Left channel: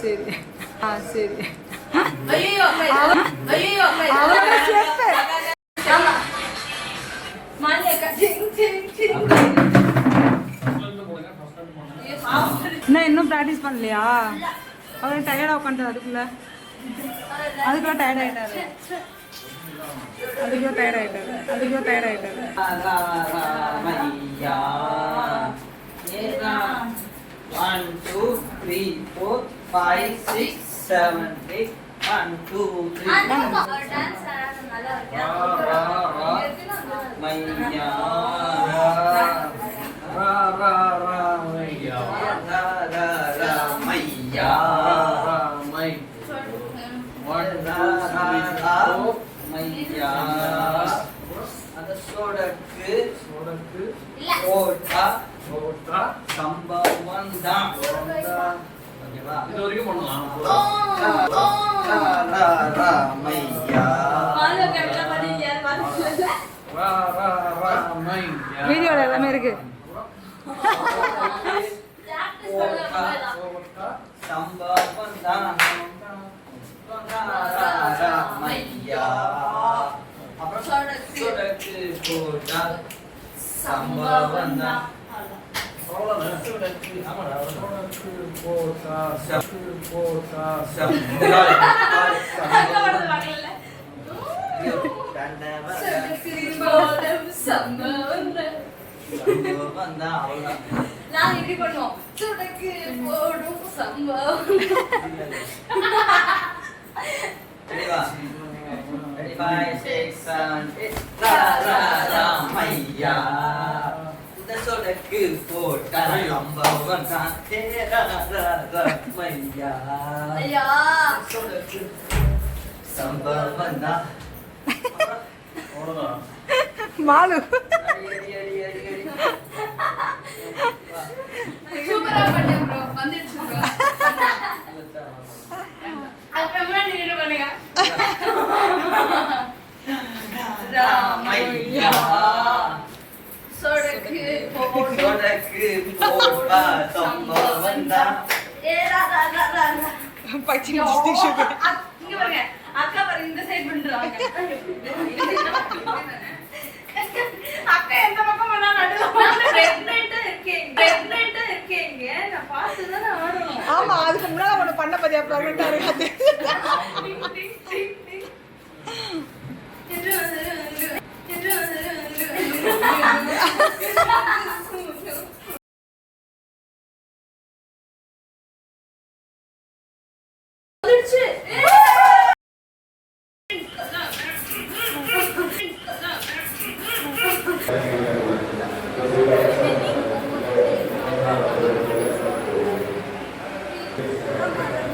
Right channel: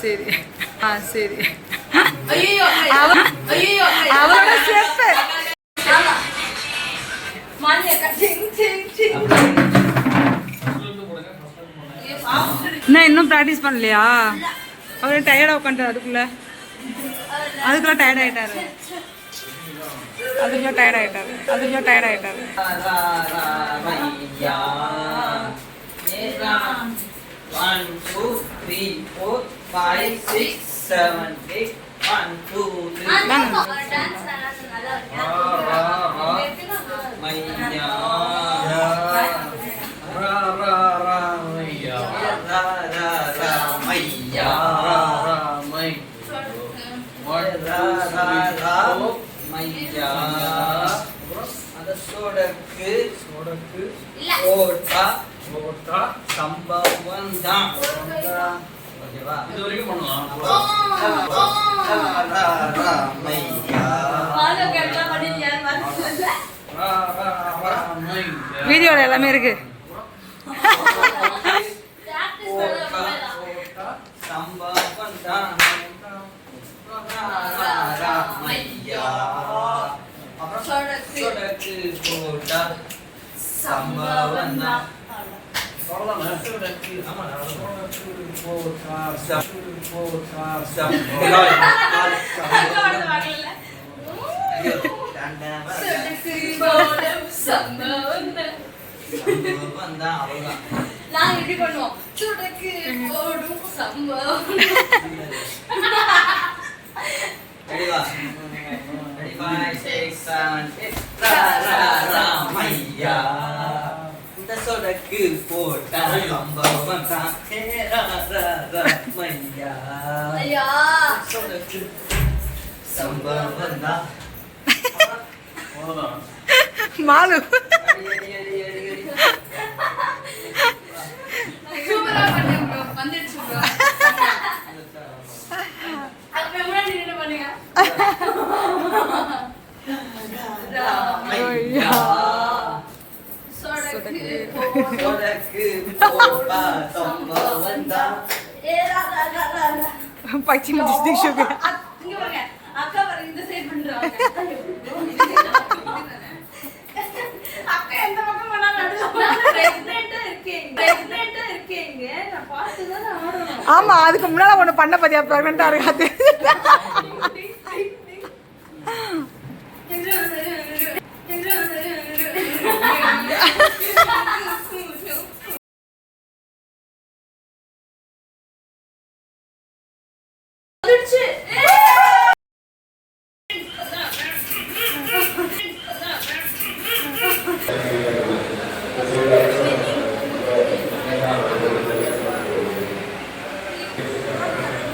சரி சரி அவரோட ஸ்டெப்பு என்ன இன்னும் ப்ராக்டிஸ் பண்ணலையா? அவரே டயர்டாக உட்காந்துட்டார். அதுக்குள்ள டயர்ட் ஆகிட்டாரு. One, two, three, four, five, six, seven, eight. One, two, three. Maiya. Ra ra ra maiya. Ra ra ra maiya. Ra mai. One, two, three, four. Maiya. Ada sodakku. Otta. சம்பவம் தான். ஓகேவா? இது வரைக்கும் பண்ணலாம். வீடியோல எல்லாமே இருக்கு. சம்பவம் தான். அப்புறம் சொடக்கு போட்டா சம்பவம் தான். சொடக்கு போட்டா சம்பவம் தான். சொடக்கு சம்பவம் தான். மாலு அக்கா இந்த சைடு பண்றாங்க. அக்கா எந்த பக்கம் வேணா பிரெக்னன்ட்டா இருக்கீங்க. நான் பார்த்து தான் ஆடுறேன். ஆமா, அதுக்கு முன்னால ஒண்ணு பண்ண பத்தியா பிரெக்னன்ட்டா இருக்காது.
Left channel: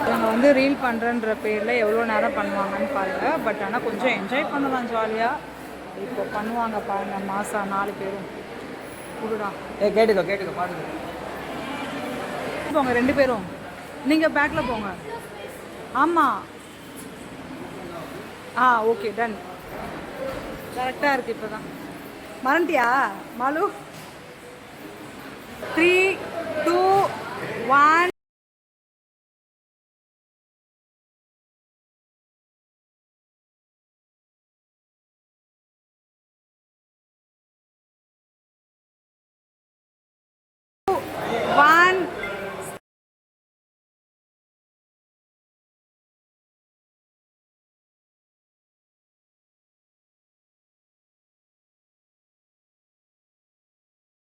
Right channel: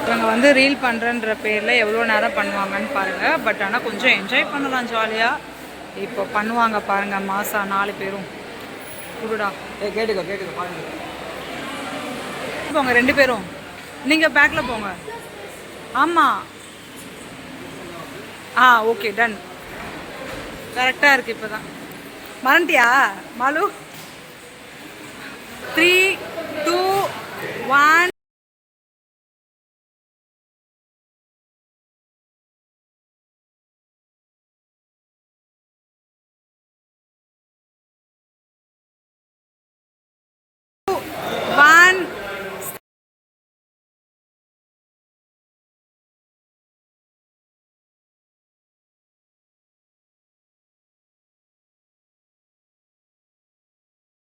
இவங்க வந்து ரீல் பண்ணுறன்ற பேரில் எவ்வளோ நேரம் பண்ணுவாங்கன்னு பாருங்கள். பட் ஆனால் கொஞ்சம் என்ஜாய் பண்ணலாம் ஜாலியாக. இப்போ பண்ணுவாங்க பாருங்கள். மாசா 4 பேரும் குடுடா. கேட்டுக்கோ போங்க 2 பேரும். நீங்கள் பேக்கில் போங்க. ஆமாம். Okay done. கரெக்டாக இருக்குது. இப்போ தான் மறந்துட்டியா மாலு? 3, 2, 1